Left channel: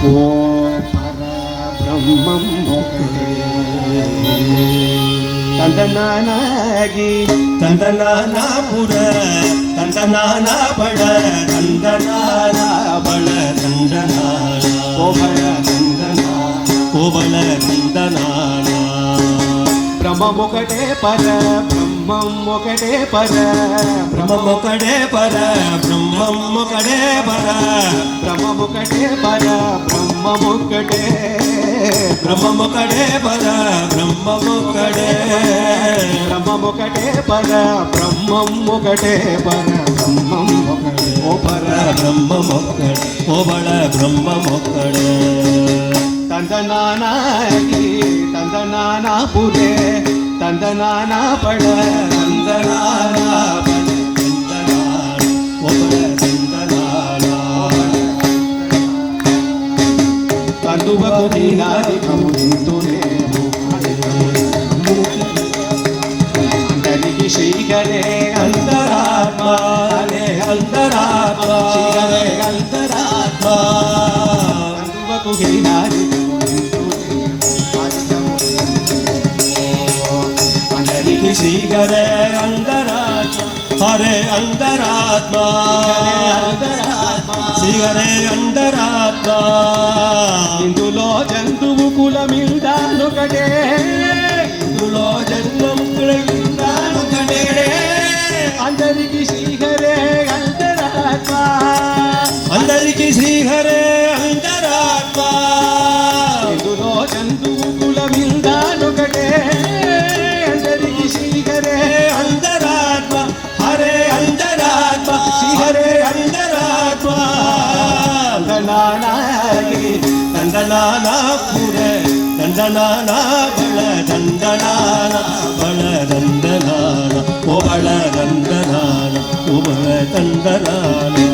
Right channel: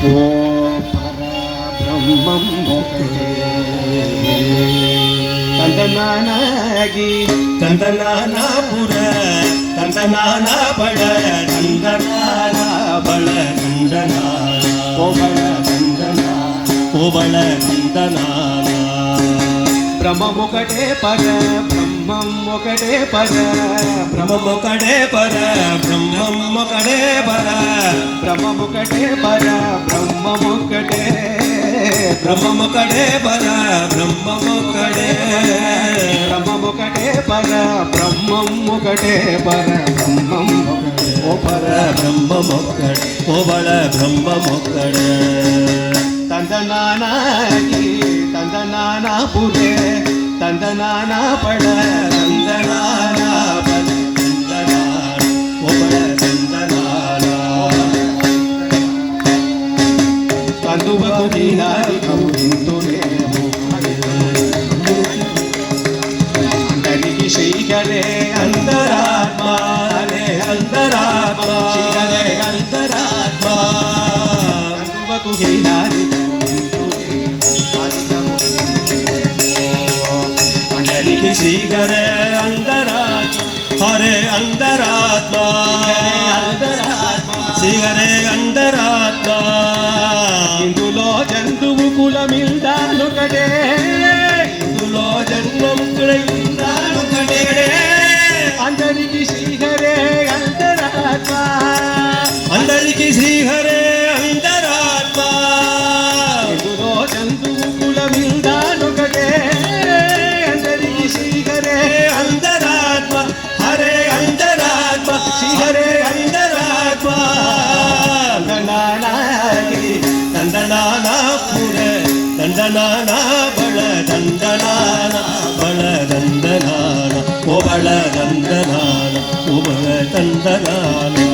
ఓ పరబ్రహ్మం ఒకటే తందనానాగి తందనానాపుర తందనానా బళ తందనానా బళ తందనానా ఓ బళ తందనా ఓ బళ తందనానా బ్రహ్మముకటే పర బ్రహ్మం ఒకటే పర బ్రహ్మముకడే పర బ్రహ్మముకడే పర బ్రహ్మముకటే పర బ్రహ్మముకటే బ్రహ్మముకడే పర బ్రహ్మముకడే బ్రహ్మముకటే పర బ్రహ్మం ఒకటే పర బ్రహ్మం ఓ పర బ్రహ్మముకడే ఓ బళ బ్రహ్మముకడే తందనానాగి తందనానా పురే తందనానా పడ తందనానా పడ తందనానా ఓ బళ తందనానా కందువకు దీనాది కౌంతునే అందరికి శ్రీకరే అంతరాత్మ హరే అంతరాత్మ హరే అంతరాత్మ కందువకు దీనాది అందరికి శ్రీకరే అంతరాత్మ హరే అంతరాత్మ శ్రీహరే అంతరాత్మ ఇందులో జంతువు కులమిల్దానొకటే ఇందులో జన్మముకుడైందానొకడే అందరికి శ్రీహరే అంతరాత్మ అందరికి శ్రీహరే అంతరాత్మ ఇందులో జంతువు కులమిల్దానొకటే అందరికి శ్రీహరే అంతరాత్మ హరే అంతరాత్మ శ్రీహరే అంతరాత్మ తందనానాగి తందనానా పుర తందనానా బళ తందనానా బళ తందనానా ఓ బళ తందనానా ఓ బళ తందనానా